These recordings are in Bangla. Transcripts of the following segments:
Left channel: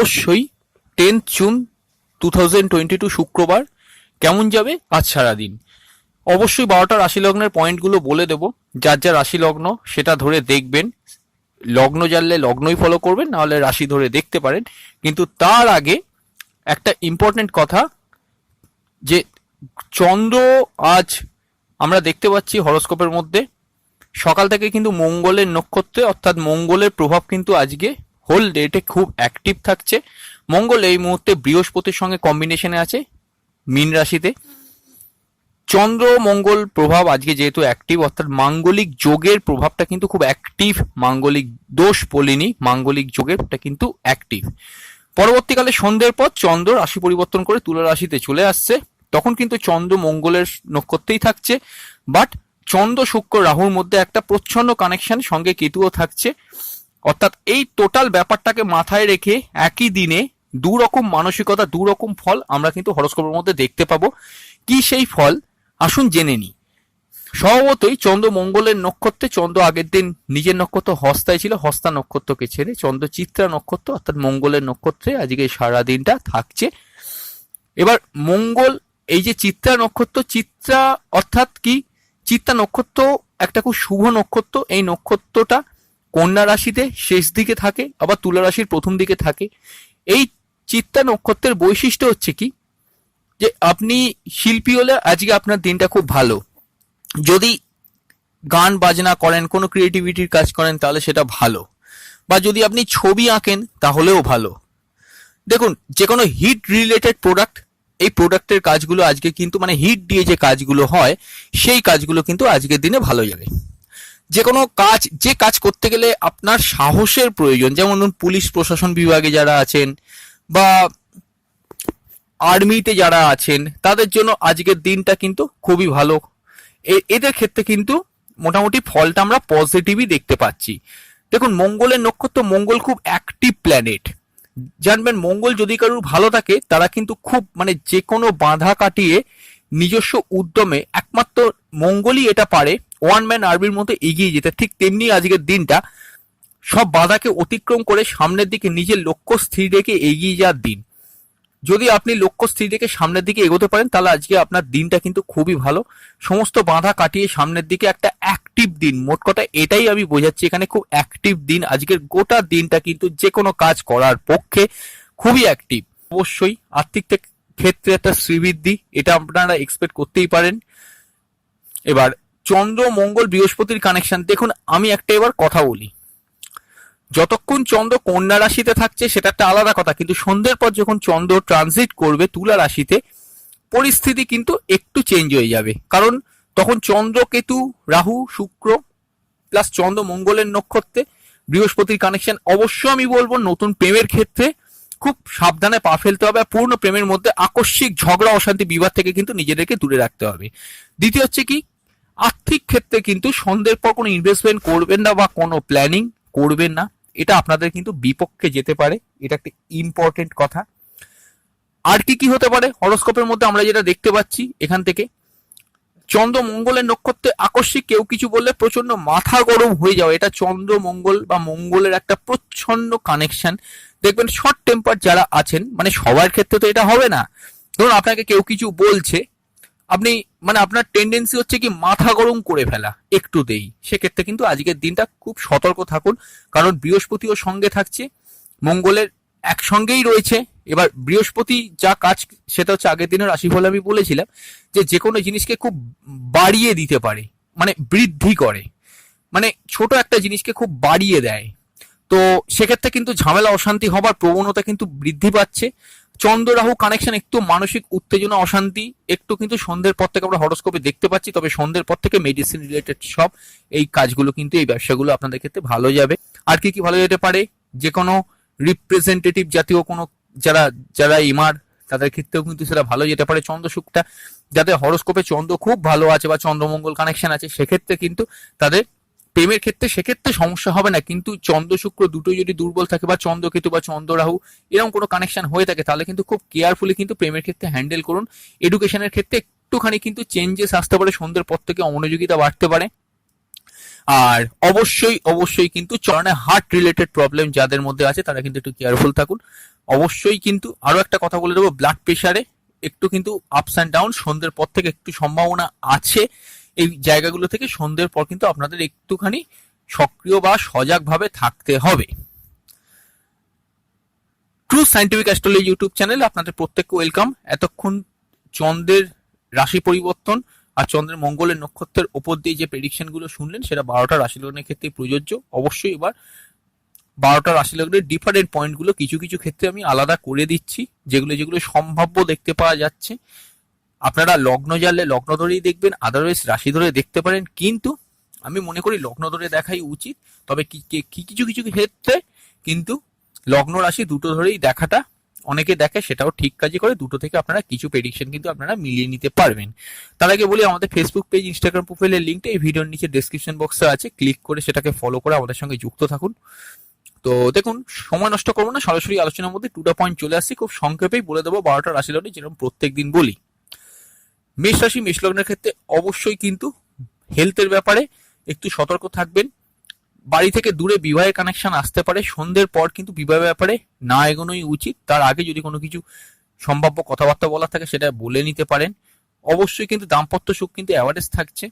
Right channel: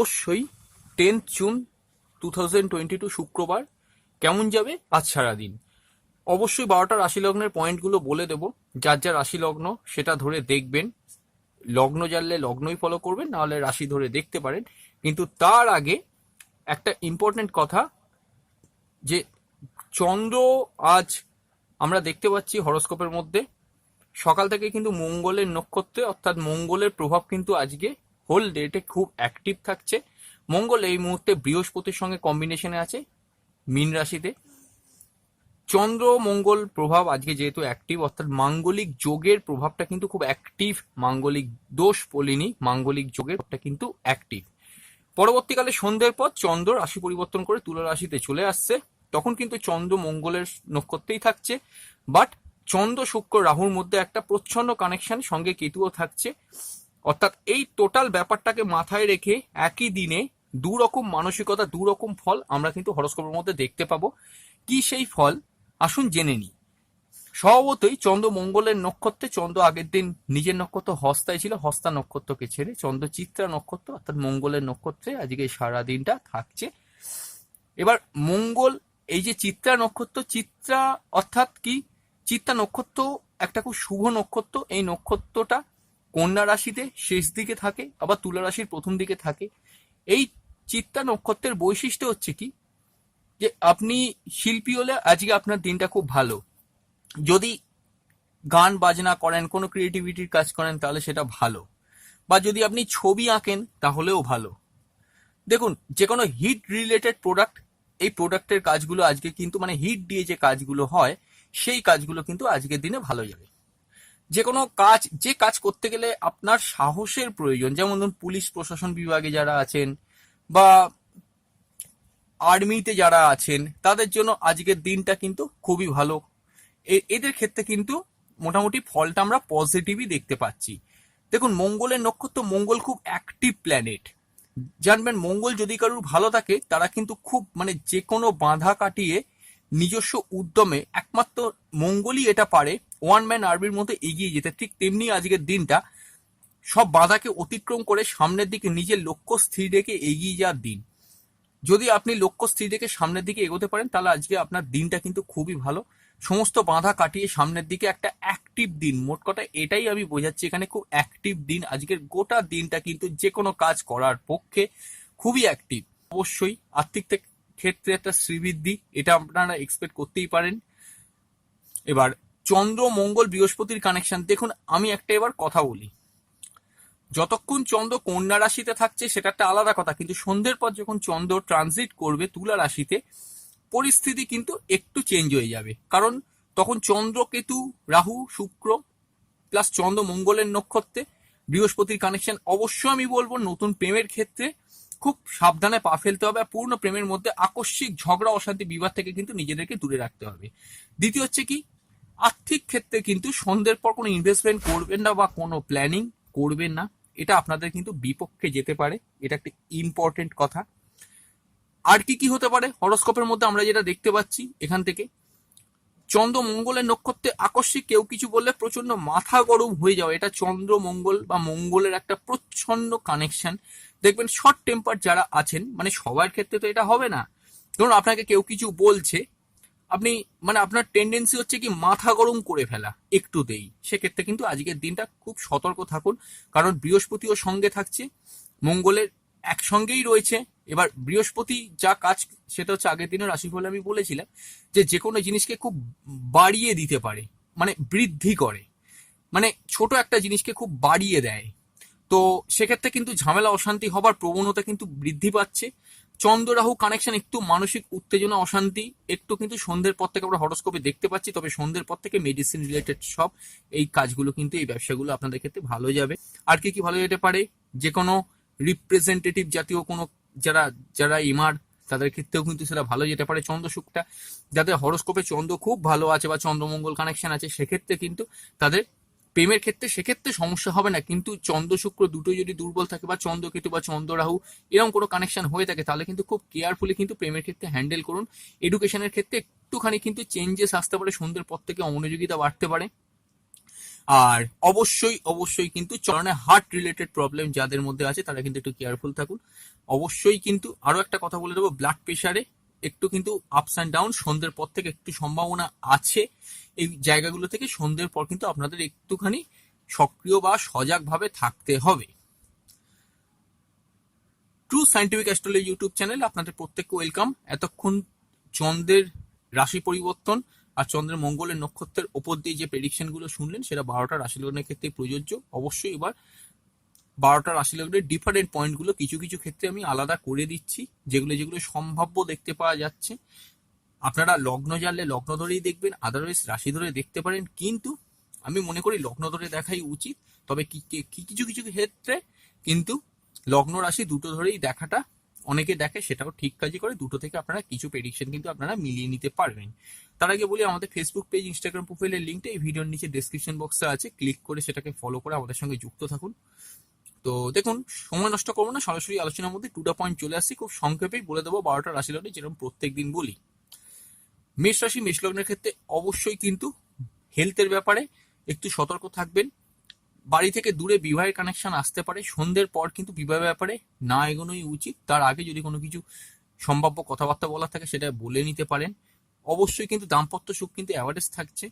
অবশ্যই 10th জুন 2022 শুক্রবার কেমন যাবে আজ সারাদিন। অবশ্যই 12টা রাশি লগ্নের পয়েন্টগুলো বলে দেবো, যার যা রাশি লগ্ন সেটা ধরে দেখবেন। লগ্ন জানলে লগ্নই ফলো করবেন, নাহলে রাশি ধরে দেখতে পারেন। কিন্তু তার আগে একটা ইম্পর্টেন্ট কথা, যে চন্দ্র আজ আমরা দেখতে পাচ্ছি হরোস্কোপের মধ্যে সকাল থেকে কিন্তু মঙ্গলের নক্ষত্রে, অর্থাৎ মঙ্গলের প্রভাব কিন্তু আজকে হোল ডেটে খুব অ্যাক্টিভ থাকছে। মঙ্গল এই মুহূর্তে বৃহস্পতির সঙ্গে কম্বিনেশনে আছে মীন রাশিতে। চন্দ্র মঙ্গল প্রভাব আজকে যেহেতু অ্যাক্টিভ, অর্থাৎ মাঙ্গলিক যোগের প্রভাবটা কিন্তু খুব অ্যাক্টিভ। মাঙ্গলিক দোষ বলিনি, মাঙ্গলিক যোগেরটা কিন্তু অ্যাক্টিভ। পরবর্তীকালে সন্ধ্যের পর চন্দ্র রাশি পরিবর্তন করে তুলা রাশিতে চলে আসছে, তখন কিন্তু চন্দ্র মঙ্গলের নক্ষত্রেই থাকছে। বাট চন্দ্র শুক্র রাহুর মধ্যে একটা প্রচ্ছন্ন কানেকশন, সঙ্গে কেতুও থাকছে। অর্থাৎ এই টোটাল ব্যাপারটাকে মাথায় রেখে একই দিনে দু রকম মানসিকতা, দু রকম ফল আমরা কিন্তু হরোস্কোপের মধ্যে দেখতে পাবো। কি সেই ফল আসুন জেনে নিই। স্বভাবতই চন্দ্র মঙ্গলের নক্ষত্রে, চন্দ্র আগের দিন নিজের নক্ষত্র হস্তায় ছিল, হস্তা নক্ষত্রকে ছেড়ে চন্দ্র চিত্রা নক্ষত্র অর্থাৎ মঙ্গলের নক্ষত্রে আজকে সারা দিনটা থাকছে। এবার মঙ্গল এই যে চিত্রা নক্ষত্র, চিত্রা অর্থাৎ কি, চিত্রা নক্ষত্র একটা খুব শুভ নক্ষত্র। এই নক্ষত্রটা কন্যা রাশিতে শেষ দিকে থাকে, আবার তুলা রাশির প্রথম দিকে থাকে। এই চিত্রা নক্ষত্রের বৈশিষ্ট্য হচ্ছে কি, যে আপনি শিল্পী হলে আজকে আপনার দিনটা খুব ভালো। যদি গান বাজনা করেন, কোনো ক্রিয়েটিভিটির কাজ করেন, তাহলে সেটা ভালো। বা যদি আপনি ছবি আঁকেন তাহলেও ভালো। দেখুন, যে কোনো হিট রিলেটেড প্রোডাক্ট, এই প্রোডাক্টের কাজগুলো আজকে কিন্তু মানে হিট দিয়ে যে কাজগুলো হয়, সেই কাজগুলো কিন্তু আজকের দিনে ভালো যাবে। যে কোনো কাজ, যে কাজ করতে গেলে আপনার সাহসের প্রয়োজন, যেমন পুলিশ প্রশাসন বিভাগে যারা আছেন বা আর্মিতে যারা আছেন, তাদের জন্য আজকের দিনটা কিন্তু খুবই ভালো। এদের ক্ষেত্রে কিন্তু মোটামুটি ফলটা আমরা পজিটিভই দেখতে পাচ্ছি। দেখুন, মঙ্গলের নক্ষত্র, মঙ্গল খুব অ্যাক্টিভ প্ল্যানেট। জানবেন, মঙ্গল যদি কারোর ভালো থাকে, তারা কিন্তু খুব মানে যে কোনো বাধা কাটিয়ে নিজস্ব উদ্যমে, একমাত্র মঙ্গলই এটা পারে ওয়ান ম্যান আর্মির মধ্যে এগিয়ে যেতে। ঠিক তেমনি আজকের দিনটা সব বাধাকে অতিক্রম করে সামনের দিকে নিজের লক্ষ্য স্থির রেখে এগিয়ে যাওয়ার দিন। যদি আপনি লক্ষ্য স্থির রেখে সামনের দিকে এগোতে পারেন, তাহলে আজকে আপনার দিনটা কিন্তু খুবই ভালো। সমস্ত বাধা কাটিয়ে সামনের দিকে একটা অ্যাক্টিভ দিন, মোট কথা এটাই আমি বোঝাচ্ছি এখানে, খুব অ্যাক্টিভ দিন। আজকের গোটা দিনটা কিন্তু যে কোনো কাজ করার পক্ষে খুবই অ্যাক্টিভ। অবশ্যই আর্থিক ক্ষেত্রে একটা শ্রীবৃদ্ধি, এটা আপনারা এক্সপেক্ট করতেই পারেন। এবার চন্দ্র মঙ্গল বৃহস্পতির কানেকশন দেখুন, আমি একটা এবার কথা বলি। যতক্ষণ চন্দ্র কন্যা রাশিতে থাকছে সেটা একটা আলাদা কথা, কিন্তু সন্ধ্যের পর যখন চন্দ্র ট্রানজিট করবে তুলা রাশিতে, পরিস্থিতি কিন্তু একটু চেঞ্জ হয়ে যাবে। কারণ তখন চন্দ্র কেতু রাহু শুক্র প্লাস চন্দ্র মঙ্গলের নক্ষত্রে বৃহস্পতির কানেকশন। অবশ্য আমি বলবো নতুন প্রেমের ক্ষেত্রে খুব সাবধানে পা ফেলতে হবে। পূর্ণ প্রেমের মধ্যে আকস্মিক ঝগড়া অশান্তি বিবাদ থেকে কিন্তু নিজেদেরকে দূরে রাখতে হবে। দ্বিতীয় হচ্ছে কি, আর্থিক ক্ষেত্রে কিন্তু সন্ধ্যের পর কোনো ইনভেস্টমেন্ট করবেন না বা কোনো প্ল্যানিং করবেন না, এটা আপনাদের কিন্তু বিপক্ষে যেতে পারে। এটা একটা ইম্পর্টেন্ট কথা। আর কি কি হতে পারে হরোস্কোপের মধ্যে আমরা যেটা দেখতে পাচ্ছি, এখান থেকে চন্দ্র মঙ্গলের নক্ষত্রে আকস্মিক কেউ কিছু বললে প্রচন্ড মাথা গরম হয়ে যাওয়া, এটা চন্দ্র মঙ্গল বা মঙ্গলের একটা প্রচ্ছন্ন কানেকশন। দেখবেন শর্ট টেম্পার যারা আছেন, মানে সবার ক্ষেত্রে তো এটা হবে না, ধরুন আপনাকে কেউ কিছু বলছে, আপনি মানে আপনার টেন্ডেন্সি হচ্ছে কি মাথা গরম করে ফেলা একটুতেই। সেক্ষেত্রে কিন্তু আজকের দিনটা খুব সতর্ক থাকুন, কারণ বৃহস্পতিও সঙ্গে থাকছে, মঙ্গলের একসঙ্গেই রয়েছে। এবার বৃহস্পতি যা কাজ, সেটা হচ্ছে আগের দিনের রাশিফল আমি বলেছিলাম যে কোনো জিনিসকে খুব বাড়িয়ে দিতে পারে, মানে বৃদ্ধি করে, মানে ছোট একটা জিনিসকে খুব বাড়িয়ে দেয়। তো সেক্ষেত্রে কিন্তু ঝামেলা অশান্তি হবার প্রবণতা কিন্তু বৃদ্ধি পাচ্ছে। চন্দ্র রাহু কানেকশন একটু মানসিক উত্তেজনা অশান্তি একটু কিন্তু সন্ধ্যের পর থেকে আমরা হরোস্কোপে দেখতে পাচ্ছি। তবে সন্ধ্যের পর থেকে মেডিসিন রিলেটেড সব এই কাজগুলো কিন্তু, এই ব্যবসাগুলো আপনাদের ক্ষেত্রে ভালো যাবে। আর কি কি ভালো যেতে পারে, যে কোনো রিপ্রেজেন্টেটিভ জাতীয় কোনো যারা যারা ইমার, তাদের ক্ষেত্রেও কিন্তু সেটা ভালো যেতে পারে। চন্দ্র শুক্রটা যাদের হরোস্কোপে চন্দ্র খুব ভালো আছে বা চন্দ্রমঙ্গল কানেকশন আছে, সেক্ষেত্রে কিন্তু তাদের প্রেমের ক্ষেত্রে সেক্ষেত্রে সমস্যা হবে না। কিন্তু চন্দ্র শুক্র দুটোই যদি দুর্বল থাকে বা চন্দ্র কেতু বা চন্দ্র রাহু এরকম কোনো কানেকশন হয়ে থাকে, তাহলে কিন্তু খুব কেয়ারফুলি কিন্তু প্রেমের ক্ষেত্রে হ্যান্ডেল করুন। এডুকেশনের ক্ষেত্রে একটুখানি কিন্তু চেঞ্জেস আসতে পারে, সন্ধ্যের পর থেকে অমনোযোগিতা বাড়তে পারে। আর অবশ্যই অবশ্যই কিন্তু চরণে হার্ট রিলেটেড প্রবলেম যাদের মধ্যে আছে তারা কিন্তু একটু কেয়ারফুল থাকুন। অবশ্যই কিন্তু আরো একটা কথা বলে দেবো, ব্লাড প্রেশারে একটু কিন্তু আপস অ্যান্ড ডাউন সন্ধ্যের পর থেকে একটু সম্ভাবনা আছে। এই জায়গাগুলো থেকে সন্ধ্যের পর কিন্তু আপনাদের একটুখানি সক্রিয় বা সজাগভাবে থাকতে হবে। ট্রু সায়েন্টিফিক অ্যাস্ট্রোলজি ইউটিউব চ্যানেলে আপনাদের প্রত্যেককে ওয়েলকাম। এতক্ষণ চন্দ্রের রাশি পরিবর্তন আর চন্দ্রের মঙ্গলের নক্ষত্রের ওপর দিয়ে যে প্রেডিকশন গুলো শুনলেন সেটা 12টা রাশি লগ্নের ক্ষেত্রে প্রযোজ্য। অবশ্যই এবার 12টা রাশি লগ্নের ডিফারেন্ট পয়েন্টগুলো কিছু কিছু ক্ষেত্রে আমি আলাদা করে দিচ্ছি, যেগুলো যেগুলো সম্ভাব্য দেখতে পাওয়া যাচ্ছে। আপনারা লগ্ন জানলে লগ্ন ধরেই দেখবেন, আদারওয়াইজ রাশি ধরে দেখতে পারেন, কিন্তু আমি মনে করি লগ্ন ধরে দেখাই উচিত। তবে কিছু কিছু ক্ষেত্রে কিন্তু লগ্ন রাশি দুটো ধরেই দেখাটা অনেকে দেখে, সেটাও ঠিক কাজই করে। দুটো থেকে আপনারা কিছু প্রেডিকশন কিন্তু আপনারা মিলিয়ে নিতে পারবেন। তার আগে বলি, আমাদের ফেসবুক পেজ, ইনস্টাগ্রাম প্রোফাইলের লিঙ্কটা এই ভিডিওর নিচে ডেসক্রিপশন বক্সে আছে, ক্লিক করে সেটাকে ফলো করে আমাদের সঙ্গে যুক্ত থাকুন। তো দেখুন, সময় নষ্ট করবো না, সরাসরি আলোচনার মধ্যে 2টা পয়েন্ট চলে আসছি। খুব সংক্ষেপেই বলে দেবো 12টা রাশি লগ্নে, যেরকম প্রত্যেক দিন বলি। মেষ রাশি, মেষ লগ্নের ক্ষেত্রে অবশ্যই কিন্তু হেলথের ব্যাপারে একটু সতর্ক থাকবেন। বাড়ি থেকে দূরে বিবাহের কানেকশন আসতে পারে, সন্ধ্যের পর কিন্তু বিবাহের ব্যাপারে না এগোনোই উচিত। তার আগে যদি কোনো কিছু সম্ভাব্য কথাবার্তা বলার থাকে সেটা বলে নিতে পারেন। অবশ্যই কিন্তু দাম্পত্য সুখ কিন্তু অ্যাভারেজ থাকছে।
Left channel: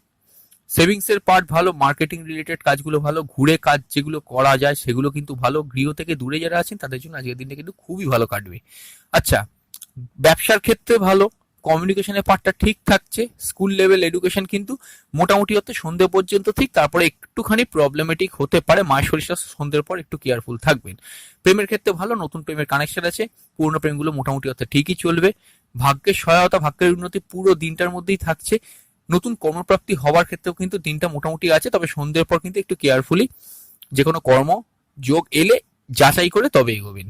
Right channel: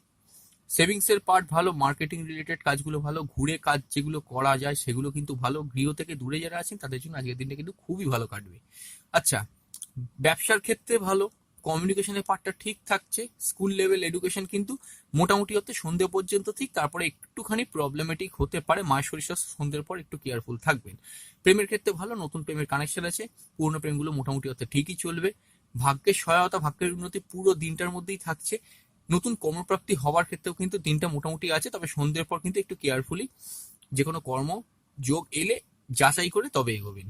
সেভিংস এর পার্ট ভালো, মার্কেটিং রিলেটেড কাজগুলো ভালো, ঘুরে কাজ যেগুলো করা যায় সেগুলো কিন্তু ভালো। গৃহ থেকে দূরে যারা আছেন তাদের জন্য আজকের দিনটা কিন্তু খুবই ভালো কাটবে। আচ্ছা, ব্যবসার ক্ষেত্রে ভালো, কমিউনিকেশনের পার্টটা ঠিক থাকছে। স্কুল লেভেল এডুকেশন কিন্তু মোটামুটি হতে সন্ধ্যে পর্যন্ত ঠিক, তারপরে একটুখানি প্রবলেমেটিক হতে পারে। মায়ের শরীরটা সন্ধ্যের পর একটু কেয়ারফুল থাকবেন। প্রেমের ক্ষেত্রে ভালো, নতুন প্রেমের কানেকশন আছে। পুরনো প্রেমগুলো মোটামুটি হতে ঠিকই চলবে। ভাগ্যের সহায়তা, ভাগ্যের উন্নতি পুরো দিনটার মধ্যেই থাকছে। নতুন কর্মপ্রাপ্তি হওয়ার ক্ষেত্রেও কিন্তু দিনটা মোটামুটি আছে, তবে সন্ধ্যের পর কিন্তু একটু কেয়ারফুলি যে কোনো কর্ম যোগ এলে যাচাই করে তবে এগোবেন।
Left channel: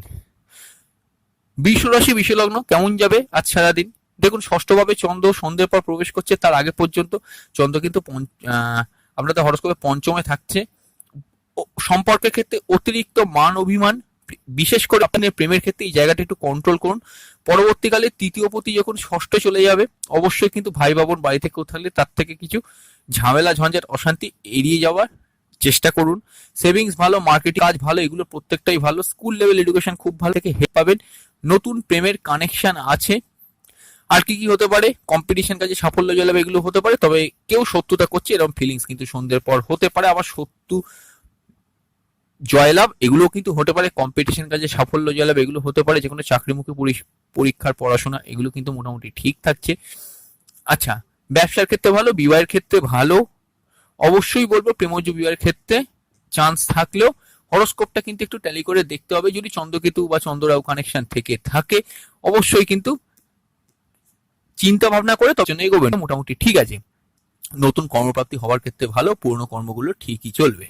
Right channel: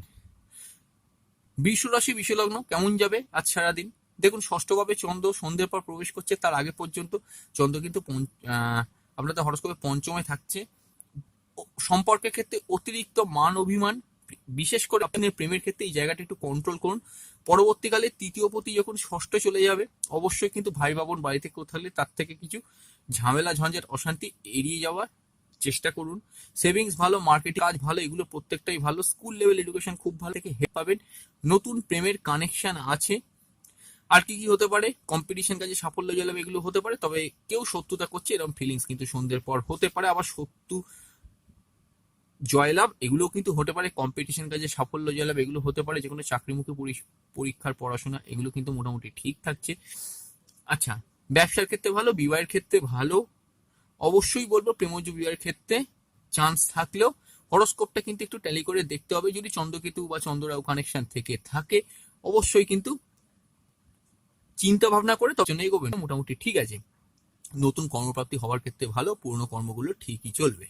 বৃষ রাশি, বৃষ লগ্ন কেমন যাবে আজ সারাদিন? দেখুন, ষষ্ঠভাবে চন্দ্র সন্ধ্যের পর প্রবেশ করছে, তার আগে পর্যন্ত চন্দ্র কিন্তু আপনাদের হরোস্কোপে পঞ্চমে থাকছে। সম্পর্কের ক্ষেত্রে অতিরিক্ত মান অভিমান, বিশেষ করে আপনাদের প্রেমের ক্ষেত্রে এই জায়গাটা একটু কন্ট্রোল করুন। পরবর্তীকালে তৃতীয় পতি যখন ষষ্ঠ চলে যাবে, অবশ্যই কিন্তু ভাই বাবন বাড়ি থেকেও থাকলে তার থেকে কিছু ঝামেলা ঝঞ্ঝাট অশান্তি এড়িয়ে যাওয়ার চেষ্টা করুন। সেভিংস ভালো, মার্কেটিং কাজ ভালো, এগুলো প্রত্যেকটাই ভালো। স্কুল লেভেল এডুকেশন খুব ভালো থেকে হেল্প পাবেন। নতুন প্রেমের কানেকশন আছে। আর কি কি হতে পারে? কম্পিটিশন কাজে সাফল্য জলাবে, এগুলো হতে পারে। তবে কেউ শত্রুতা করছে এরকম ফিলিংস কিন্তু সন্ধ্যের পর হতে পারে। আবার শত্রু জয়লাভ এগুলো কিন্তু হতে পারে। কম্পিটিশন কাজে সাফল্য জয়লাভ এগুলো হতে পারে। যে কোনো চাকরিমুখী পরীক্ষার পড়াশোনা এগুলো কিন্তু মোটামুটি ঠিক থাকছে। আচ্ছা, ব্যবসার ক্ষেত্রে ভালো, বিবাহের ক্ষেত্রে ভালো। অবশ্যই বলবো প্রেমজ বিবাহের ক্ষেত্রে চান্স থাকলেও হরোস্কোপটা কিন্তু একটু ট্যালি করে দেখতে হবে। যদি চন্দ্রকেতু বা চন্দ্ররাহু কানেকশন থেকে থাকে অবশ্যই কিন্তু চিন্তা ভাবনা করে তখন এগোবেন, মোটামুটি ঠিক আছে। নতুন কর্মপ্রাপ্তি হওয়ার ক্ষেত্রে ভালো, পুরনো কর্মগুলো ঠিকই চলবে।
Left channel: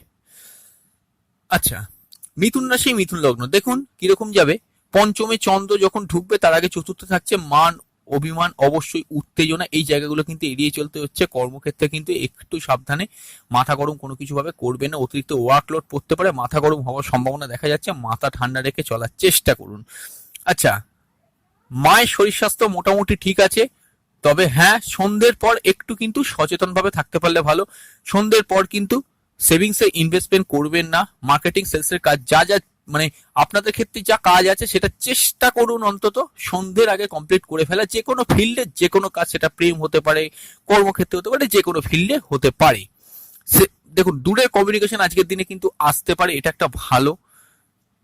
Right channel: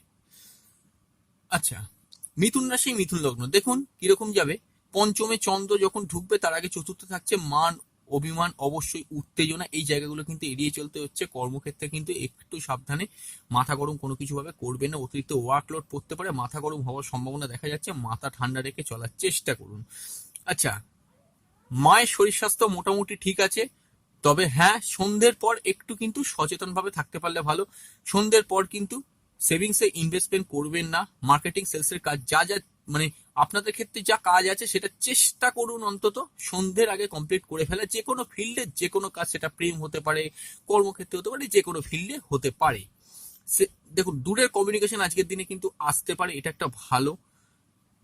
আচ্ছা, মিথুন রাশি, মিথুন লগ্ন দেখুন কিরকম যাবে। পঞ্চমে চন্দ্র যখন ঢুকবে তার আগে চতুর্থ থাকছে মান অভিমান, অবশ্যই উত্তেজনা, এই জায়গাগুলো কিন্তু এড়িয়ে চলতে হচ্ছে। কর্মক্ষেত্রে কিন্তু একটু সাবধানে, মাথা গরম কোনো কিছু ভাবে করবে না। অতিরিক্ত ওয়ার্কলোড পড়তে পারে, মাথা গরম হওয়ার সম্ভাবনা দেখা যাচ্ছে। মাথা ঠান্ডা রেখে চলার চেষ্টা করুন। আচ্ছা, মায়ের শরীর স্বাস্থ্য মোটামুটি ঠিক আছে। তবে হ্যাঁ, সন্ধ্যের পর একটু কিন্তু সচেতন ভাবে থাকতে পারলে ভালো। সন্ধ্যের পর কিন্তু সেভিংসে ইনভেস্টমেন্ট করবেন না। মার্কেটিং সেলসের কাজ যা যা মানে আপনাদের ক্ষেত্রে যা কাজ আছে সেটা চেষ্টা করুন অন্তত সন্ধ্যের আগে কমপ্লিট করে ফেলা। যে কোনো ফিল্ডে যে কোনো কাজ, সেটা প্রেম হতে পারে, কর্মক্ষেত্রে হতে পারে, যে কোনো ফিল্ডে হতে পারে। দেখুন, দূরের কমিউনিকেশন আজকের দিনে কিন্তু আসতে পারে, এটা একটা ভালো।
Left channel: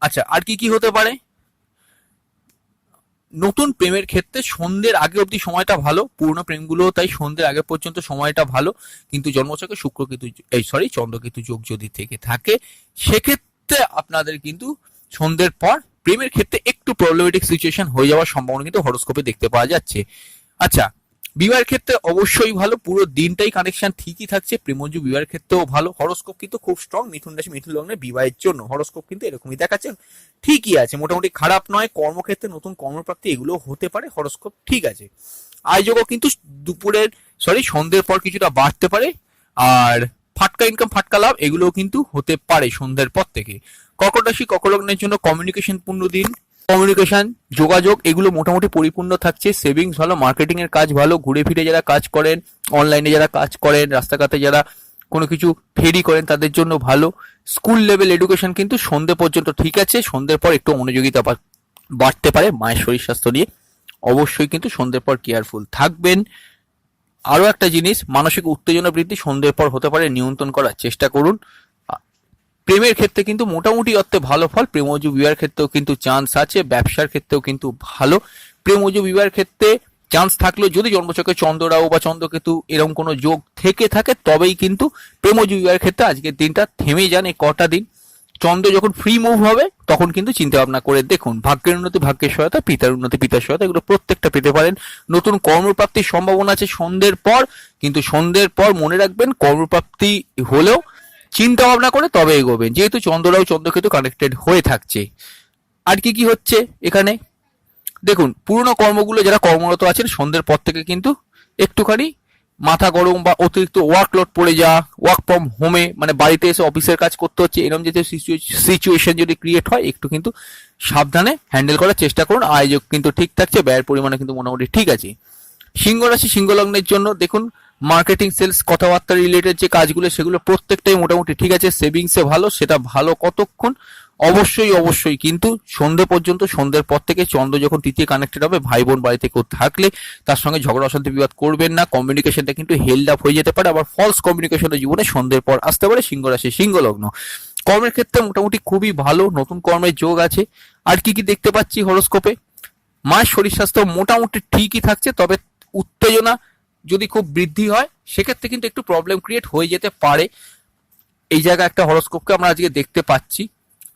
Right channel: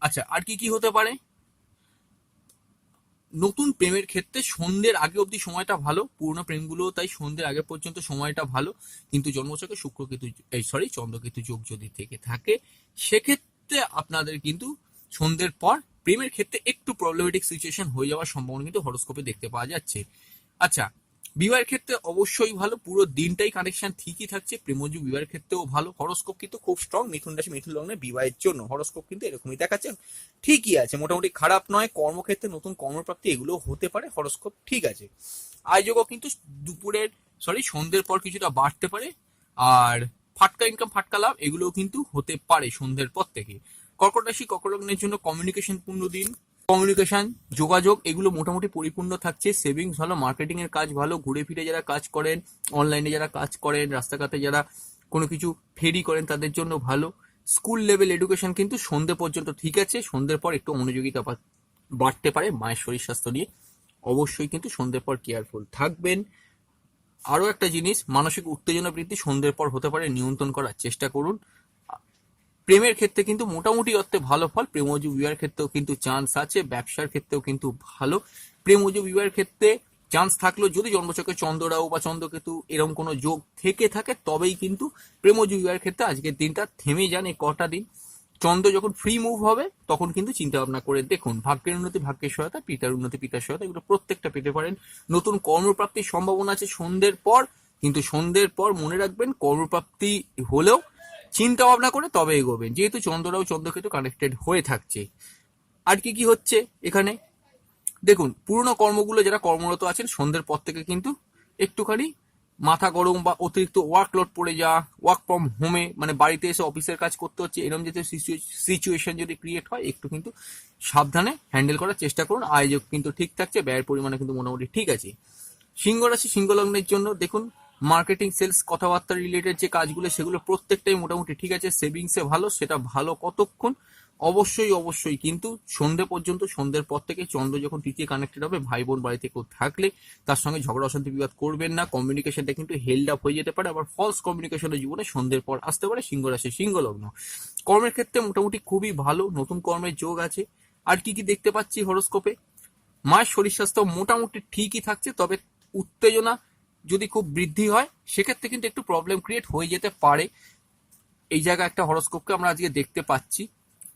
আচ্ছা, আর কি কি হতে পারে? নতুন প্রেমের ক্ষেত্রে সন্ধ্যের আগে অবধি সময়টা ভালো। পুরনো প্রেমগুলো তাই সন্ধ্যের আগে পর্যন্ত সময়টা ভালো। কিন্তু জন্মছকে চন্দ্রকেতু যোগ যদি থেকে থাকে সেক্ষেত্রে আপনাদের কিন্তু সন্ধ্যের পর প্রেমের ক্ষেত্রে একটু প্রবলেমেটিক সিচুয়েশন হয়ে যাওয়ার সম্ভাবনা কিন্তু হরোস্কোপে দেখতে পাওয়া যাচ্ছে। আচ্ছা, বিবাহের ক্ষেত্রে অবশ্যই ভালো, পুরো দিনটাই কানেকশন ঠিকই থাকছে। প্রেমজু বিবাহের ক্ষেত্রেও ভালো। হরোস্কোপ কিন্তু খুব স্ট্রং মিথুন রাশি, মিথুন লগ্নের বিবাহের জন্য হরোস্কোপ কিন্তু এরকমই দেখাচ্ছে, ঠিকই আছে, মোটামুটি খারাপ নয়। কর্মক্ষেত্রে নতুন কর্মপ্রাপ্তি এগুলো হতে পারে, হরোস্কোপ ঠিক আছে। আয়োজকও কিন্তু সন্ধ্যের পর কিছুটা বাড়তে পারে। আর ফাটকা ইনকাম, ফাটকা লাভ এগুলোও কিন্তু হতে পারে সন্ধ্যের পর থেকে। কর্কট রাশি, কর্কট লগ্নের জন্য কমিউনিকেশন পূর্ণ দিন। কমিউনিকেশন, যোগাযোগ এগুলো মোটামুটি পরিপূর্ণ থাকছে। সেভিংস ভালো, মার্কেটিং এর কাজ ভালো। ঘুরে ফিরে যারা কাজ করেন, অনলাইনে যারা কাজ করেন, রাস্তাঘাটে যারা কোনো কিছু ফেরি করেন তাদের জন্য ভালো। স্কুল লেভেল এডুকেশন কিন্তু সন্ধে পর্যন্ত ঠিক আছে, সন্ধ্যের পর একটু মনোযোগিতা বাড়তে পারে মায়ের শরীর স্বাস্থ্য নিয়ে। অবশ্যই কিন্তু সন্ধ্যের পর কেয়ারফুল থাকবেন। আরো একটা জিনিস, মানসিক উত্তেজনা বৃদ্ধি সন্ধ্যের পর হতে পারে, নিয়ন্ত্রণ করার চেষ্টা করুন। প্রেমের ক্ষেত্রে কিন্তু মোটামুটি অর্থে ভালো ফল, প্রেমজ বিবাহের ক্ষেত্রেও কিন্তু চান্স আছে, ব্যবসার ক্ষেত্রেও কিন্তু ভালো। প্রেমজ বিবাহের ক্ষেত্রে চান্স থাকলেও যদি জন্মছকে চন্দ্ররাহু বা চন্দ্রকেতু এরকম কোনো যোগ থেকে থাকে তবেই কিন্তু প্রেমজ বিবাহের ক্ষেত্রে আজকের দিনটা থেমে যান এই কটা দিন। চন্দ্র যখন ফ্রি মুভ হবে তখন কিন্তু চিন্তা ভাবনা করে দেখুন। ভাগ্যের উন্নতি ভাগ্যের সহায়তা, পিতার উন্নতি পিতার সহায়তা, এগুলো প্রত্যেকটা পেতে পারেন। নতুন কর্মপ্রাপ্তির সম্ভাবনা আছে সন্ধ্যের পর, কিন্তু সন্ধ্যের পর মনে রাখবেন কর্মপ্রাপ্তি হলেও চিন্তা ভাবনা করে তবে এগোবেন, যেহেতু চন্দ্ররাহু চন্দ্রকেতু কানেক্টেড হয়ে থাকছে। আর কি কি হচ্ছে এখানে দেখুন, পুরনো কর্মগুলো যারা কর্মরত আছেন সন্ধ্যের পর থেকে কিন্তু একটুখানি মাথা গরম বা অতিরিক্ত ওয়ার্কলোড পড়ে যাওয়া, ওয়ার্ক ফ্রম হোমে মানে বাড়িতে এসে অফিসের কাজ করতে হচ্ছে, এরকম যদি সিচুয়েশন যদি ক্রিয়েট হয় একটু কিন্তু সাবধানে হ্যান্ডেল করার চেষ্টা করুন। আয়োজক কিন্তু ঠিক থাকছে, ব্যয়ের পরিমাণে কিন্তু মোটামুটি ঠিক আছে। সিংহ রাশি সিংহ লগ্নের জন্য দেখুন, মার্কেটিং সেলস কথাবার্তা রিলেটেড যে কাজগুলো সেগুলো প্রত্যেকটাই মোটামুটি ঠিক আছে। সেভিংসে ভালো, সেটা ভালো কতক্ষণ, অবশ্যই কিন্তু সন্ধ্যে পর্যন্ত। সন্ধ্যের পর থেকে চন্দ্র যখন তৃতীয় কানেক্টেড হবে, ভাই বোন বাড়িতে কেউ থাকলে তার সঙ্গে ঝগড়া অশান্তি বিবাদ করবেন না। কমিউনিকেশনটা কিন্তু হেল্ড আপ হয়ে যেতে পারে, আবার ফলস কমিউনিকেশনের জীবনে সন্ধ্যের পর আসতে পারে। সিংহ রাশি সিংহ লগ্ন কর্মের ক্ষেত্রে মোটামুটি খুবই ভালো, নতুন কর্মের যোগ আছে। আর কি কি দেখতে পাচ্ছি হরোস্কোপে, মায়ের শরীর স্বাস্থ্য মোটামুটি ঠিকই থাকছে, তবে উত্তেজনা যদি খুব বৃদ্ধি হয় সেক্ষেত্রে কিন্তু একটু প্রবলেম ক্রিয়েট হয়ে যেতে পারে। এই জায়গায় একটা হরোস্কোপকে আমরা আজকে দেখতে পাচ্ছি।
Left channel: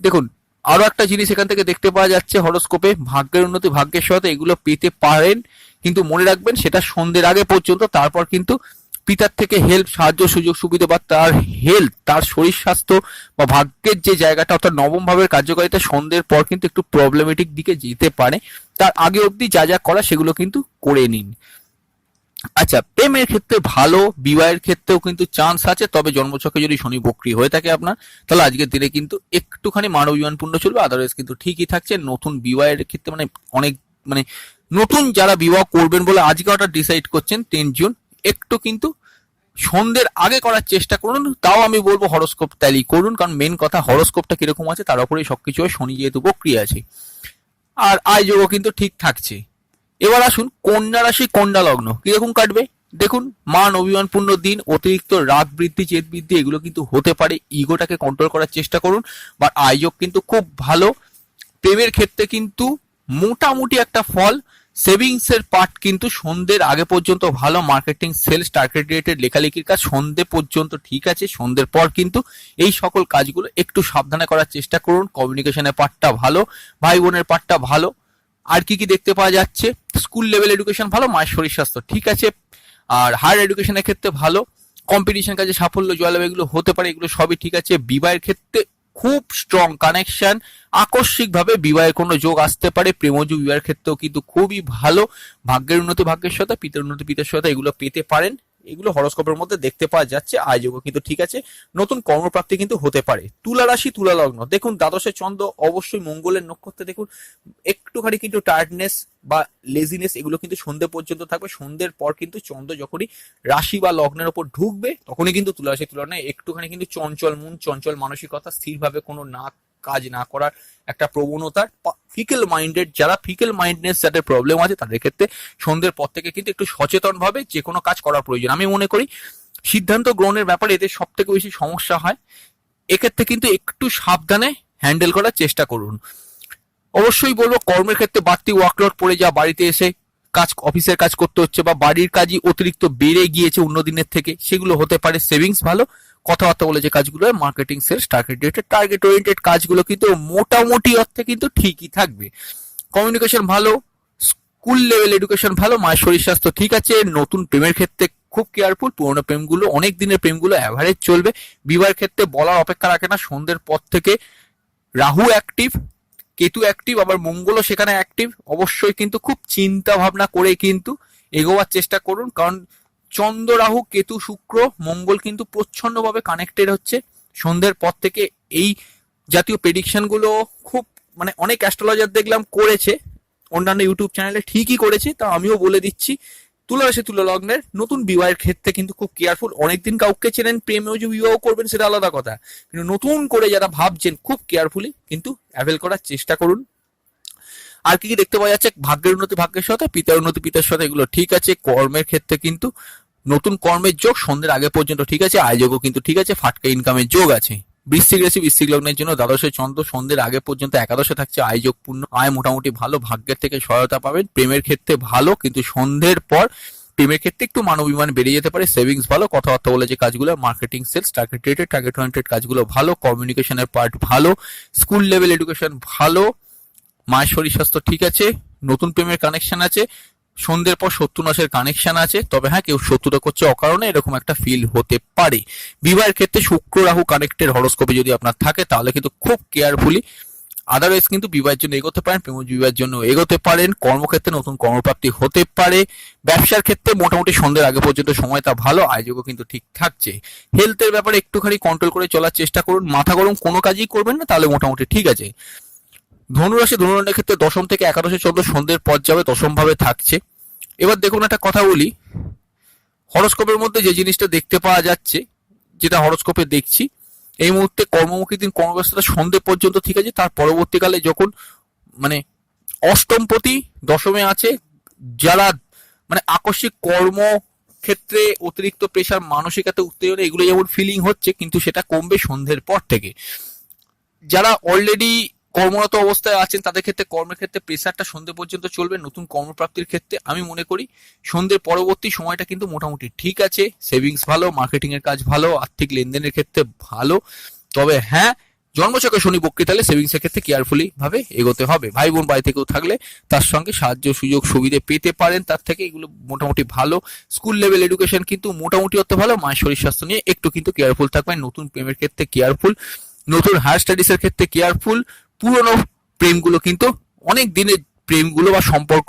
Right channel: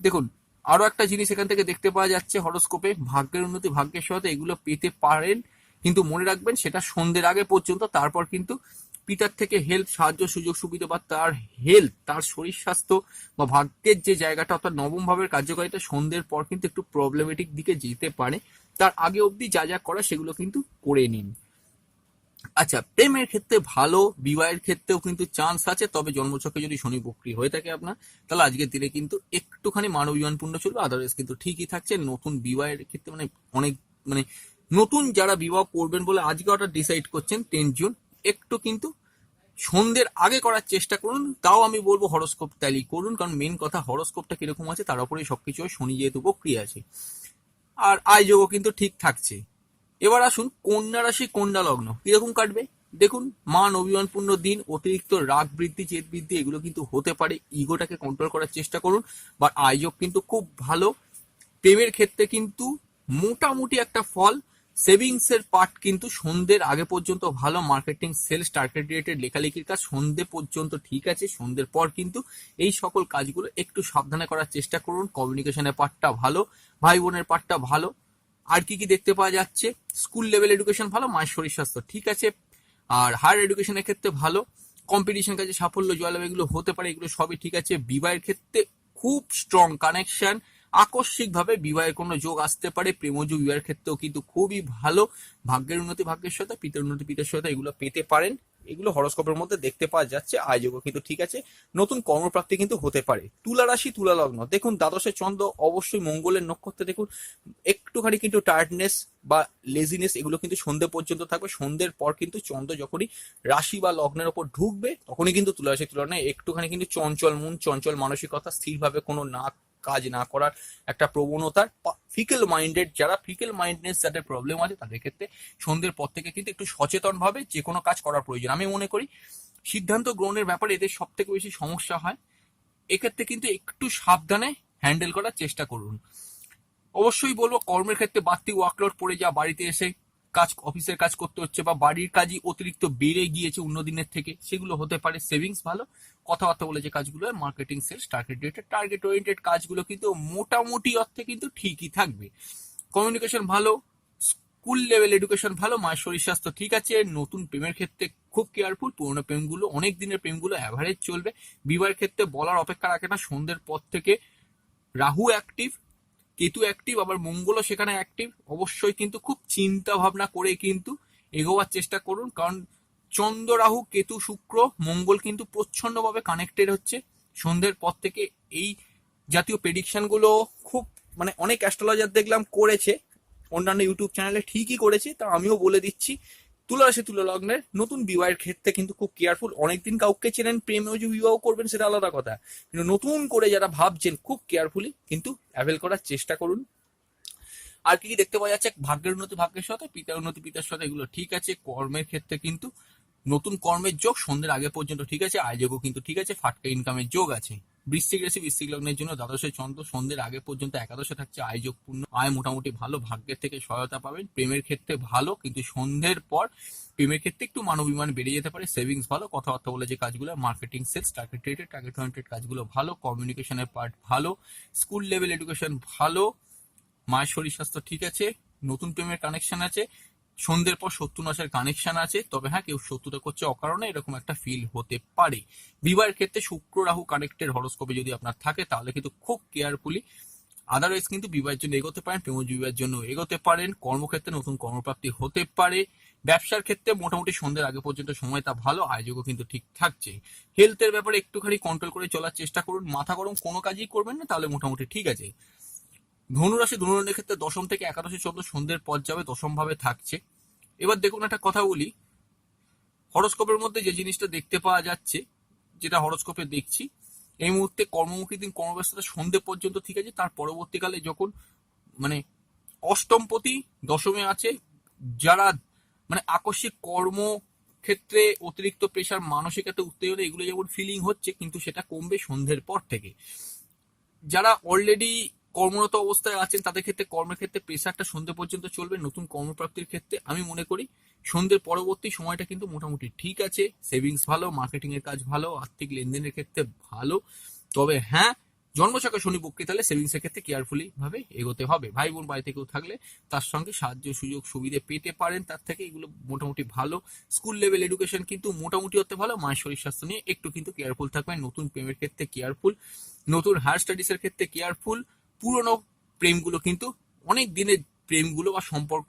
দেখুন আরো একটা জিনিস এখান থেকে দেখতে পাওয়া যাচ্ছে হরোস্কোপে, ভাগ্যের উন্নতি ভাগ্যের সহায়তা এগুলো পেতে পারেন, কিন্তু মনে রাখবেন সেটা সন্ধ্যের আগে পর্যন্ত। তারপর কিন্তু পিতার থেকে হেল্প, সাহায্য, সুযোগ সুবিধা বা তার হেলথ, তার শরীর স্বাস্থ্য বা ভাগ্যের যে জায়গাটা অর্থাৎ নবম ভাবের কার্যকারিতা সন্ধ্যের পর কিন্তু একটু প্রবলেমেটিক দিকে যেতে পারে। তার আগে অবধি যা যা করা সেগুলো কিন্তু করে নিন। আচ্ছা, প্রেমের ক্ষেত্রে ভালো, বিবাহের ক্ষেত্রেও কিন্তু চান্স আছে, তবে জন্মছকে যদি শনি বক্রী হয়ে থাকে আপনার, তাহলে আজকের দিনে কিন্তু একটুখানি মানব জীবনপূর্ণ চলবে, আদারওয়াইজ কিন্তু ঠিকই থাকছে। নতুন বিবাহের ক্ষেত্রে মানে অনেক মানে নতুন যারা বিবাহ করবেন বলে আজকে ওটা ডিসাইড করছেন 10 জুন, একটু কিন্তু সন্ধ্যের আগে করার চেষ্টা করুন। তাও আমি বলবো হরোস্কোপ ট্যালি করুন, কারণ মেন কথা হরোস্কোপটা কিরকম আছে তার উপরেই সবকিছু হয়, শনি যেহেতু বক্রী আছে। আর আয়যোগও কিন্তু ঠিক থাকছে। এবার আসুন কন্যা রাশি কন্যা লগ্ন কিরকম কাটবে দেখুন। মান অভিমানপূর্ণ দিন, অতিরিক্ত রাগ বৃদ্ধি জেদ বৃদ্ধি এগুলো কিন্তু হতে পারে, ইগোটাকে কন্ট্রোল করার চেষ্টা করুন। বা আয়োজক কিন্তু খুব ভালো। প্রেমের ক্ষেত্রে কিন্তু মোটামুটি একটা ফল, সেভিংস এর পার্ট কিন্তু সন্ধ্যের আগে পর্যন্ত ভালো। মার্কেটিং সেলস টার্গেট রিলেটেড লেখালেখির কাজ সন্ধ্যে পর্যন্ত ঠিক আছে, সন্ধ্যের পর কিন্তু এই সকল কাজগুলো একটু সাবধানে করার চেষ্টা করুন। কমিউনিকেশনের পার্টটা ভালো, ভাই বোনের পার্টটা ভালো। আর কি কি দেখতে পাওয়া যাচ্ছে, স্কুল লেভেল এডুকেশন ভালো, মায়ের শরীর স্বাস্থ্য ঠিক আছে। আর হায়ার এডুকেশনের ক্ষেত্রে ভালো, কম্পিটিশন কাজে সাফল্য জয়লাভ এগুলো হতে পারে, এগুলো সবই ঠিক আছে। বিবাহের ক্ষেত্রে খুব স্ট্রং কানেকশন, আকস্মিক ভাবে বিবাহের কোনো যোগ আসতে পারে। প্রেমজ বিবাহের ক্ষেত্রেও কিন্তু খুবই ভালো, ভাগ্যের উন্নতি ভাগ্যের সহায়তা, পিতার উন্নতি পিতার সহায়তা এগুলো পেতে পারেন, এগুলো হরোস্কোপের মধ্যে দেখতে পাওয়া যাচ্ছে। আয়োজকও কিন্তু ঠিক আছে, নতুন কর্মপ্রাপ্তি কিন্তু হতে পারে। তুলা রাশি তুলা লগ্ন দেখুন, দ্বাদশে চন্দ্র অবশ্যই মঙ্গলের নক্ষত্রে, দেখুন একটুখানি কিন্তু টায়ার্ডনেস বা লেজিনেস এগুলো কিন্তু সন্ধ্যে পর্যন্ত থাকবে। সন্ধ্যের পর কিন্তু চন্দ্র যখনই রাশি বা লগ্নের ওপর ঢুকবে তখনই কিন্তু তুলা রাশি তুলা লগ্নে একটুখানি কিন্তু চঞ্চল মন, চঞ্চল মানসিকতা, স্থিরভাবে কোনো না কাজ না করার একটা প্রবণতার, ফিকেল মাইন্ডেড যারা ফিকেল মাইন্ডনেস যাদের প্রবলেম আছে তাদের ক্ষেত্রে সন্ধ্যের পর থেকে কিন্তু একটু সচেতন ভাবে যে কোনো কাজ করার প্রয়োজন। আমি মনে করি সিদ্ধান্ত গ্রহণের ব্যাপারে এদের সব থেকে বেশি সমস্যা হয়, এক্ষেত্রে কিন্তু একটু সাবধানে হ্যান্ডেল করার চেষ্টা করুন। অবশ্যই বলবো কর্মের ক্ষেত্রে বাড়তি ওয়ার্কলোড পড়ে যা, বাড়িতে এসে কাজ অফিসের কাজ করতে হচ্ছে বা বাড়ির কাজই অতিরিক্ত বেড়ে গিয়েছে অন্য দিনের থেকে, সেগুলো হতে পারে। সেভিংস ভালো, কথাবার্তা বলে যে কাজগুলো মার্কেটিং সেলস টার্গেট ওরিয়েন্টেড কাজগুলো কিন্তু মোটামুটি অর্থে কিন্তু ঠিকই থাকবে। কমিউনিকেশন ভালো, স্কুল লেভেল এডুকেশন ভালো, মায়ের শরীর স্বাস্থ্য ঠিক আছে। নতুন প্রেমের ক্ষেত্রে খুব কেয়ারফুল, পুরোনো প্রেমগুলো অনেক দিনের প্রেমগুলো অ্যাভারেজ চলবে। বিবাহের ক্ষেত্রে বলার অপেক্ষা রাখে না, সন্ধ্যের পর থেকে রাহু অ্যাক্টিভ, কেতু অ্যাক্টিভ, আবার মঙ্গলও সেখানে অ্যাক্টিভ। অবশ্যই কিন্তু খুব চিন্তা ভাবনা করে কিন্তু এগোবার চেষ্টা করুন, কারণ চন্দ্র রাহু কেতু শুক্র মঙ্গল কিন্তু প্রচ্ছন্নভাবে কানেক্টেড হচ্ছে সন্ধ্যের পর থেকে। এই জাতীয় প্রেডিকশন গুলো খুব মানে অনেক অ্যাস্ট্রোলজার দেখলাম করেছে, অন্যান্য ইউটিউব চ্যানেলে ঠিকই করেছে, তা আমিও বলে দিচ্ছি তুলা রাশি তুলা লগ্নের নতুন বিবাহের ক্ষেত্রে কিন্তু খুব কেয়ারফুল। অনেকদিন কাউকে চেনেন, প্রেমেও যে বিবাহ করবেন সেটা আলাদা কথা, কিন্তু নতুন করে যারা ভাবছেন খুব কেয়ারফুলি কিন্তু অ্যাভেল করার চেষ্টা করুন। আর কি কি দেখতে পাওয়া যাচ্ছে, ভাগ্যের উন্নতি ভাগ্যের সাথে, পিতার উন্নতি পিতার সাথে, এগুলো ঠিক আছে। কর্মের ক্ষেত্রে কিন্তু নতুন কর্মের যোগ সন্ধ্যের আগে পর্যন্ত ঠিক আছে, আয় যোগও কিন্তু ঠিক আছে, ফাটকা ইনকামের যোগ আছে। বৃশ্চিক রাশি বৃশ্চিক লগ্নের জন্য দ্বাদশে চন্দ্র সন্ধ্যের আগে পর্যন্ত একাদশে থাকছে, আয় যোগ পূর্ণ, আয় মোটামুটি ভালো, ভাগ্যের থেকে সহায়তা পাবেন। প্রেমের ক্ষেত্রে ভালো, কিন্তু সন্ধ্যের পর প্রেমের ক্ষেত্রে একটু মানবিমান বেড়ে যেতে পারে। সেভিংস ভালো, কথাবার্তা বলে যে কাজগুলো, marketing sales target related target oriented কাজগুলো ভালো, কমিউনিকেশনের পার্ট ভালো, স্কুল লেভেল এডুকেশন ভালো, মায়ের শরীর স্বাস্থ্য ঠিক আছে, নতুন প্রেমের কানেকশন আছে, সন্ধ্যের পর শত্রু নাশের কানেকশন আছে। তবে হ্যাঁ, কেউ শত্রুতা করছে অকারণে, এরকম একটা ফিল হতে পারে। বিবাহের ক্ষেত্রে শুক্র রাহু কানেক্টেড হরোস্কোপে যদি আপনার থাকে তাহলে কিন্তু খুব কেয়ারফুলি, আদারওয়াইজ কিন্তু বিবাহের জন্য এগোতে পারেন, প্রেম বিবাহের জন্য এগোতে পারেন। কর্মক্ষেত্রে নতুন কর্মপ্রাপ্তি হতে পারে। ব্যবসার ক্ষেত্রে মোটামুটি সন্ধ্যের আগে পর্যন্ত সময়টা ভালো, আয়োজকও কিন্তু ঠিক থাকছে। হেলথের ব্যাপারে একটুখানি কন্ট্রোল করে চলার চেষ্টা করুন, মাথা গরম কোনো কাজই করবেন না, তাহলে মোটামুটি ঠিক আছে। ধনুরাশি ধনুরানের ক্ষেত্রে দশম থেকে একাদশে চন্দ্র সন্ধ্যের পর যাবে, দশম ভাবে থাকছে। এবার দেখুন একটা কথা বলি, হরোস্কোপের মধ্যে যে জিনিসটা দেখতে পাওয়া যাচ্ছে, যেটা হরোস্কোপে দেখছি, এই মুহূর্তে কর্মমুখী দিন কর্মব্যস্ততা সন্ধ্যে পর্যন্ত ঠিক আছে। তার পরবর্তীকালে যখন মানে অষ্টমপতি দশমে আছে, যারা মানে আকস্মিক কর্ম ক্ষেত্রে অতিরিক্ত প্রেশার, মানসিকতা উত্তেজনা, এগুলো যেমন ফিলিং হচ্ছে, কিন্তু সেটা কমবে সন্ধ্যের পর থেকে। যারা অলরেডি কর্মরত অবস্থায় আছেন তাদের ক্ষেত্রে কর্মের ক্ষেত্রে প্রেসারটা সন্ধ্যে পর্যন্ত চলবে। নতুন কর্মপ্রাপ্তির ক্ষেত্রে আমি মনে করি সন্ধ্যের পরবর্তী সময়টা কিন্তু মোটামুটি ঠিক আছে। সেভিংস ভালো, মার্কেটিং এর কাজ ভালো, আর্থিক লেনদেনের ক্ষেত্রে ভালো। তবে হ্যাঁ, জন্মছকে শনি বক্রী তাহলে সেভিংস এর ক্ষেত্রে কেয়ারফুলি ভাবে এগোতে হবে। ভাই বোন বাড়ি থেকেও থাকলে তার সঙ্গে সাহায্য সুযোগ সুবিধে পেতে পারেন, তার থেকে এগুলো মোটামুটি ভালো। স্কুল লেভেল এডুকেশন কিন্তু মোটামুটি হতে ভালো। মায়ের শরীর স্বাস্থ্য নিয়ে একটু কিন্তু কেয়ারফুল থাকবেন। নতুন প্রেমের ক্ষেত্রে কেয়ারফুল, নতুন হায়ার স্টাডিজ এর ক্ষেত্রে কেয়ারফুল। পুরনো প্রেমগুলো কিন্তু, অনেক দিনের প্রেমগুলো বা সম্পর্ক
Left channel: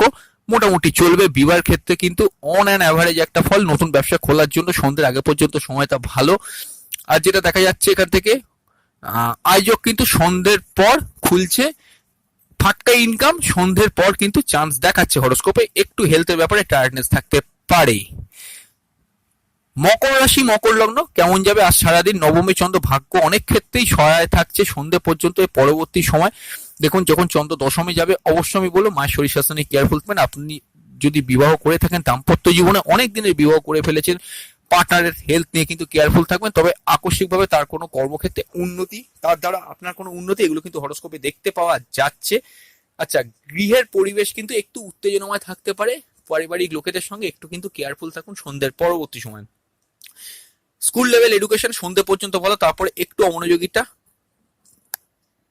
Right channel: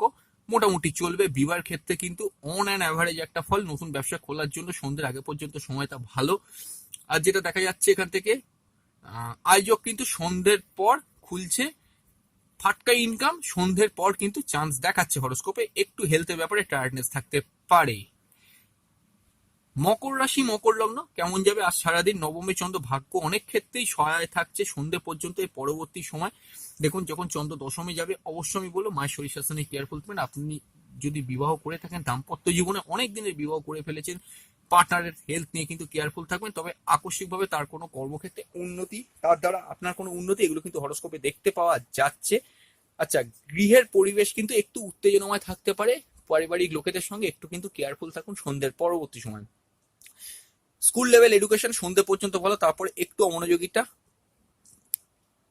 মোটামুটি চলবে। বিবাহের ক্ষেত্রে কিন্তু অন অ্যান অ্যাভারেজ একটা ফল। নতুন ব্যবসা খোলার জন্য সন্ধ্যের আগে পর্যন্ত সময়টা ভালো। আর যেটা দেখা যাচ্ছে এখান থেকে আয়োজক কিন্তু সন্ধ্যের পর খুলছে, ফাটকা ইনকাম সন্ধ্যের পর কিন্তু চান্স দেখাচ্ছে হরোস্কোপে। একটু হেলথের ব্যাপারে টায়ার্ডনেস থাকতে পারে। মকর রাশি মকর লগ্ন কেমন যাবে আজ সারাদিন? নবমী চন্দ্র ভাগ্য অনেক ক্ষেত্রেই সহায় থাকছে সন্ধ্যে পর্যন্ত। এর পরবর্তী সময় দেখুন যখন চন্দ্র দশমী যাবে, অবশ্যই আমি বলবো মায়ের শরীর স্বাস্থ্য নিয়ে কেয়ারফুল থাকবেন। আপনি যদি বিবাহ করে থাকেন, দাম্পত্য জীবনে অনেক দিনের বিবাহ করে ফেলেছেন, পার্টনারের হেলথ নিয়ে কিন্তু কেয়ারফুল থাকবেন। তবে আকস্মিকভাবে তার কোনো কর্মক্ষেত্রে উন্নতি, তার দ্বারা আপনার কোনো উন্নতি, এগুলো কিন্তু হরোস্কোপে দেখতে পাওয়া যাচ্ছে। আচ্ছা, গৃহের পরিবেশ কিন্তু একটু উত্তেজনাময় থাকতে পারে। পারিবারিক লোকেদের সঙ্গে একটু কিন্তু কেয়ারফুল থাকুন সন্ধ্যের পরবর্তী সময়। স্কুল লেভেল এডুকেশন সন্ধ্যে পর্যন্ত ভালো, তারপরে একটু অমনোযোগিতা।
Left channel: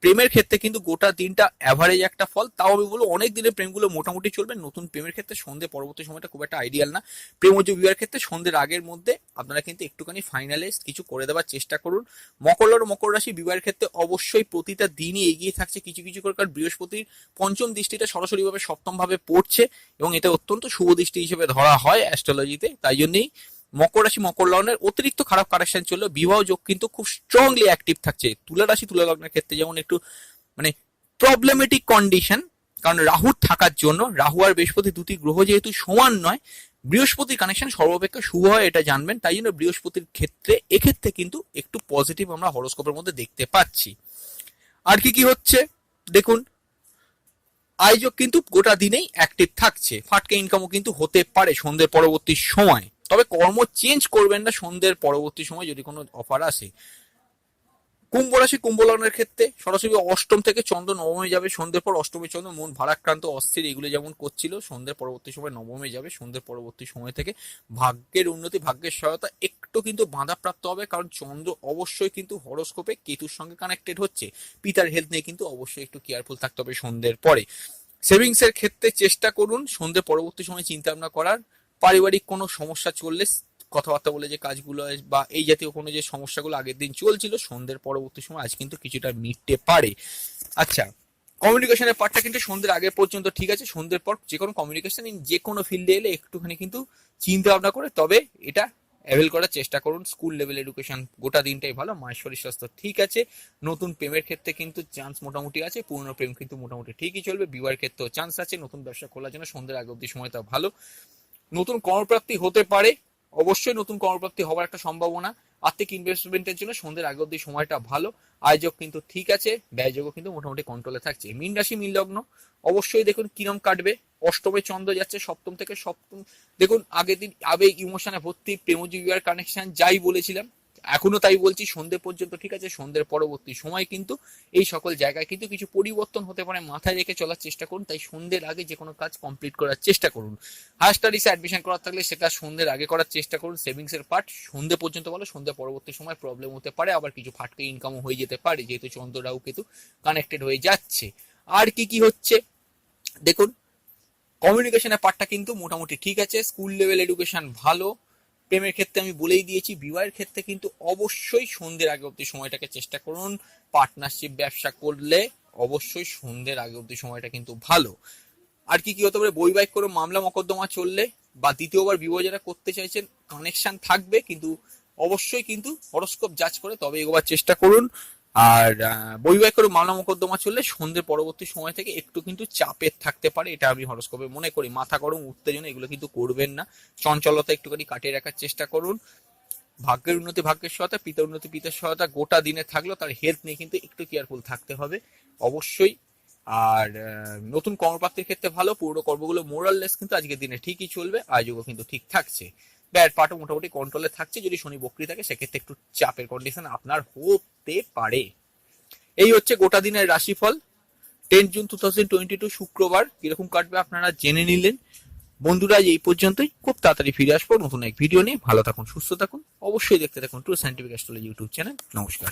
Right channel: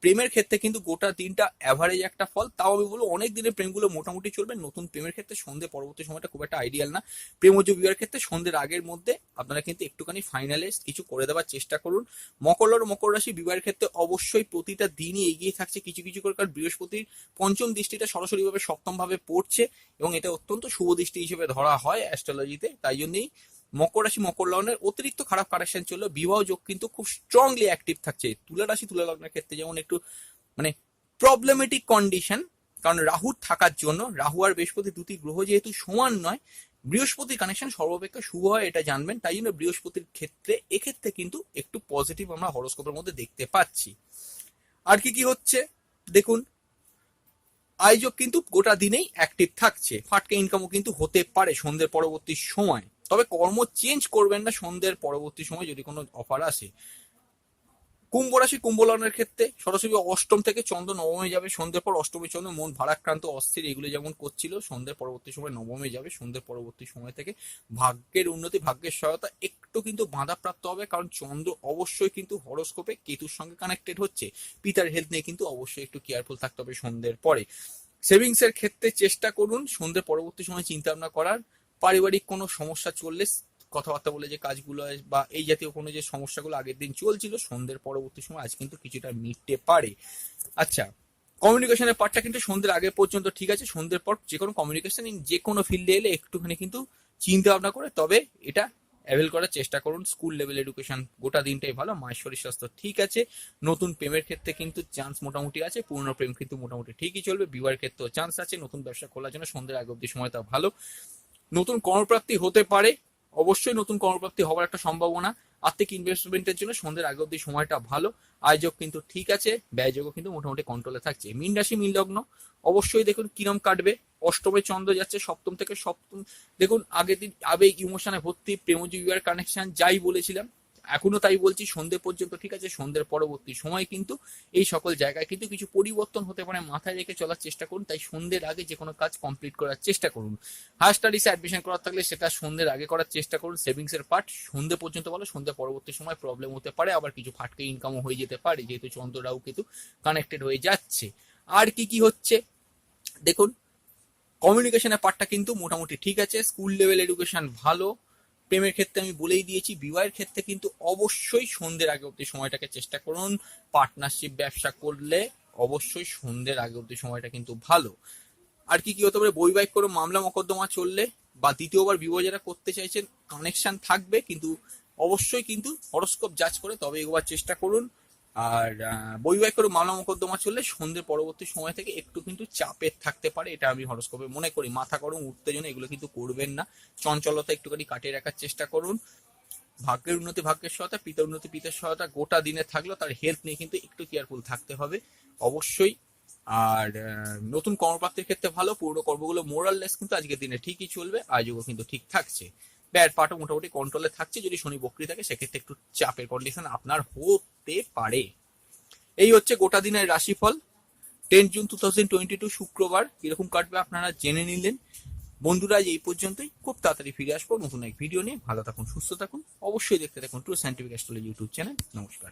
প্রেমের ক্ষেত্রে কিন্তু গোটা দিনটা অ্যাভারেজ একটা ফল। তাও আমি বলবো অনেক দিনের প্রেমগুলো মোটামুটি চলবে। নতুন প্রেমের ক্ষেত্রে সন্ধ্যে পরবর্তী সময়টা খুব একটা আইডিয়াল না। প্রেম ও বিবাহের ক্ষেত্রে সন্ধ্যের আগের মধ্যে আপনারা কিন্তু একটুখানি ফাইনালাইজ কিছু করে দেওয়ার চেষ্টা করুন। মকর রাশি বিবাহের ক্ষেত্রে অবশ্যই প্রতিটা দিনই এগিয়ে থাকছে কিছু কিছু করে, কারণ বৃহস্পতির পঞ্চম দৃষ্টিটা সরাসরিভাবে সপ্তম ভাবে পড়ছে এবং এটা অত্যন্ত শুভ দৃষ্টি হিসেবে ধরা হয় অ্যাস্ট্রোলজিতে। তাই জন্যই মকর রাশি মকর লগ্নের অতিরিক্ত খারাপ কানেকশন চললে বিবাহ যোগ কিন্তু খুব স্ট্রংলি অ্যাক্টিভ থাকছে। তুলা রাশি তুলা লগ্নের ক্ষেত্রে যেমন একটু মানে প্রবলেমেটিক কন্ডিশন, কারণ রাহুর থাকার জন্য, রাহু আর বৃহস্পতি দুটি গ্রহ যেহেতু সমান নয়, বৃহস্পতির কানেকশন সর্বাপেক্ষা শুভ হয় এটা জানবেন। তাই জন্য বৃহস্পতির ক্ষেত্রে এক্ষেত্রে কিন্তু একটু পজিটিভ আমরা হরোস্কোপের মধ্যে দেখতে পাচ্ছি। আর কি কি হচ্ছে দেখুন, আয়োজক কিন্তু গোটা দিনেই অ্যাক্টিভ থাকছে। ফাটকা ইনকামও কিন্তু হতে পারে সন্ধ্যের পরবর্তী সময়। তবে কর্ম চেঞ্জ করবেন না সন্ধ্যের পরবর্তী সময় যদি কোনো অফার আসে। কুম্ভ রাশি কুম্ভ লগ্নের ক্ষেত্রে সরাসরি অষ্টম থেকে চন্দ্র নবমে যাবে সন্ধ্যের পর। অষ্টমী চন্দ্র মন ভারাক্রান্ত অস্থির এগুলো যেমন করছিল, সন্ধ্যের পরবর্তী সময় নবমে যাবে। সন্ধ্যের পরবর্তী সময় থেকে ভাগ্যের উন্নতি, ভাগ্যের সহায়তা একটু কিন্তু বাধাপ্রাপ্ত হবে, কারণ চন্দ্র অবশ্যই কিন্তু হরোস্কোপে কেতুর সঙ্গে কানেক্টেড হচ্ছে। পিতার হেলথ নিয়ে কিন্তু অবশ্যই একটু কেয়ারফুল থাকতে হবে সন্ধ্যের পরে। সেভিংস এর ক্ষেত্রে চেষ্টা করুন সন্ধ্যে পরবর্তী সময় চিন্তা ভাবনা করার। পারিবারিক কোনো সমস্যা চললে কথাবার্তা বলে যে কাজগুলো বা এই জাতীয় কোনো যে সমস্যাগুলো আগের দিন চলছিল, সন্ধ্যের পরবর্তী সময় আজ কিন্তু কিছুটা মিটতে পারে। আচ্ছা, কমিউনিকেশনের পার্টটা কিন্তু সন্ধ্যের আগে পর্যন্ত ঠিক আছে। সন্ধ্যের পর যে কোনো কমিউনিকেশন যে কোনো ফিল্ডে এলে একটুখানি কিন্তু চিন্তা ভাবনা করে তবে এটা অ্যাভেল করার চেষ্টা করুন। স্কুল লেভেল এডুকেশন গোটা দিনটাই ভালো। মায়ের শরীর স্বাস্থ্য ঠিক আছে। নতুন প্রেমের ক্ষেত্রে কিন্তু চান্স মোটামুটি আছে। পুরনো প্রেম কিন্তু মোটামুটি ঠিকই চলবে। বিবাহের ক্ষেত্রেও চান্স আছে। নতুন ব্যবসা খোলার জন্য সন্ধ্যের আগে অবধি সময়টা ভালো। নতুন কর্মপ্রাপ্তি হতে পারে, অবশ্যই নতুন কর্মপ্রাপ্তি হওয়ার একটা সম্ভাবনা। আর্থিক ইনভেস্টমেন্টের জন্য সন্ধ্যের আগে অব্দি সময়টা ভালো। আয়োজক কিন্তু ঠিক আছে, ব্যয়যোগও কিন্তু মোটামুটি কন্ট্রোলে থাকছে। মীন রাশি মীন লগ্ন, অবশ্যই দেখুন কিরম কাটবে। অষ্টমে চন্দ্র যাচ্ছে, সপ্তম থেকে সপ্তম, দেখুন আগের দিন আবেগ ইমোশনে ভর্তি, প্রেমজীবিয়ার কানেকশন যাই বলেছিলাম এখনো তাই বলছি, সন্ধ্যে পর্যন্ত ঠিক আছে। সন্ধ্যের পরবর্তী সময় কিন্তু এই সকল জায়গায় কিন্তু কিছু পরিবর্তন হতে পারে, মাথায় রেখে চলার চেষ্টা করুন। তাই সন্ধ্যের আগে যে কোনো কাজ কমপ্লিট করার চেষ্টা করুন। হায়ার স্টাডিজে অ্যাডমিশন করার থাকলে সেটা সন্ধ্যের আগে করার চেষ্টা করুন। সেভিংস এর পার্ট সন্ধ্যে পর্যন্ত বলো, সন্ধ্যে পরবর্তী সময় প্রবলেম হতে পারে, আবার কিছু ফাটকে ইনকামও হয়ে যেতে পারে, যেহেতু চন্দ্র রাহু কেতু কানেক্টেড হয়ে যাচ্ছে। আর কি কি হচ্ছে দেখুন, কমিউনিকেশনের পার্টটা কিন্তু মোটামুটি ঠিক আছে। স্কুল লেভেল এডুকেশন ভালো। প্রেমের ক্ষেত্রে আমি বলেই দিয়েছি। বিবাহের ক্ষেত্রে কিন্তু অবশ্যই সন্ধ্যের আগে অব্দি সময়টাকে চেষ্টা করুন। পার্টনারশিপ ব্যবসা করলে অবশ্যই সন্ধ্যের আগে অব্দি সময়টা কিন্তু ভালো। আর কি কি হতে পারে, বৈবাহিক কোনো মামলা মকদ্দমা চললে বা দ্বিতীয়বার বিবাহ যারা করতে চাইছেন, কানেকশন থাকবে, কিন্তু অবশ্যই কিন্তু হরস্কোপ যাচ করে তবে এগোবার চেষ্টা করুন। আর বৈবাহিক কোনো মামলা মকদ্দমা চললে সন্ধ্যের পরবর্তী সময় থেকে একটু কিন্তু চাপের থাকতে পারে, এটা আমি হরস্কোপে মনে করি। মাথা গরম, উত্তেজনা এগুলো কিন্তু করবেন না। চঞ্চলতা একটুখানি কাটিয়ে রাখার চেষ্টা করুন। ভাগ্যের উন্নতি ভাগ্যের সহায়তা, পিতার উন্নতি পিতার সহায়তা গোটা দিনে থাকলেও তার হেলথ নিয়ে কিন্তু একটু কেয়ারফুল থাকতে হবে অবশ্যই। আর নতুন কর্মপ্রাপ্তির ক্ষেত্রে ভালো। পুরো কর্মগুলো মোরাললেস কিন্তু আজকের দিনে ঠিকই চলবে, আয়োজকও কিন্তু ঠিক থাকছে। ব্যয়ের পার্টও মোটামুটি কন্ট্রোলে থাকছে। যদি শনি বক্রি থাকে সেক্ষেত্রে একটু চাপের কন্ডিশন আপনার হতে পারে। এই হচ্ছে গোটা দিনের রাশিফল। 10 জুন 2022 শুক্রবার কিরকম কাটবে আপনারা জেনে নিলেন। বন্ধুরা এই পর্যন্তই, খুব তাড়াতাড়ি ফিরে আসবো নতুন এক ভিডিও নিয়ে। ভালো থাকুন, সুস্থ থাকুন, অবশ্যই দেখতে থাকুন true scientific astrology YouTube channel. নমস্কার।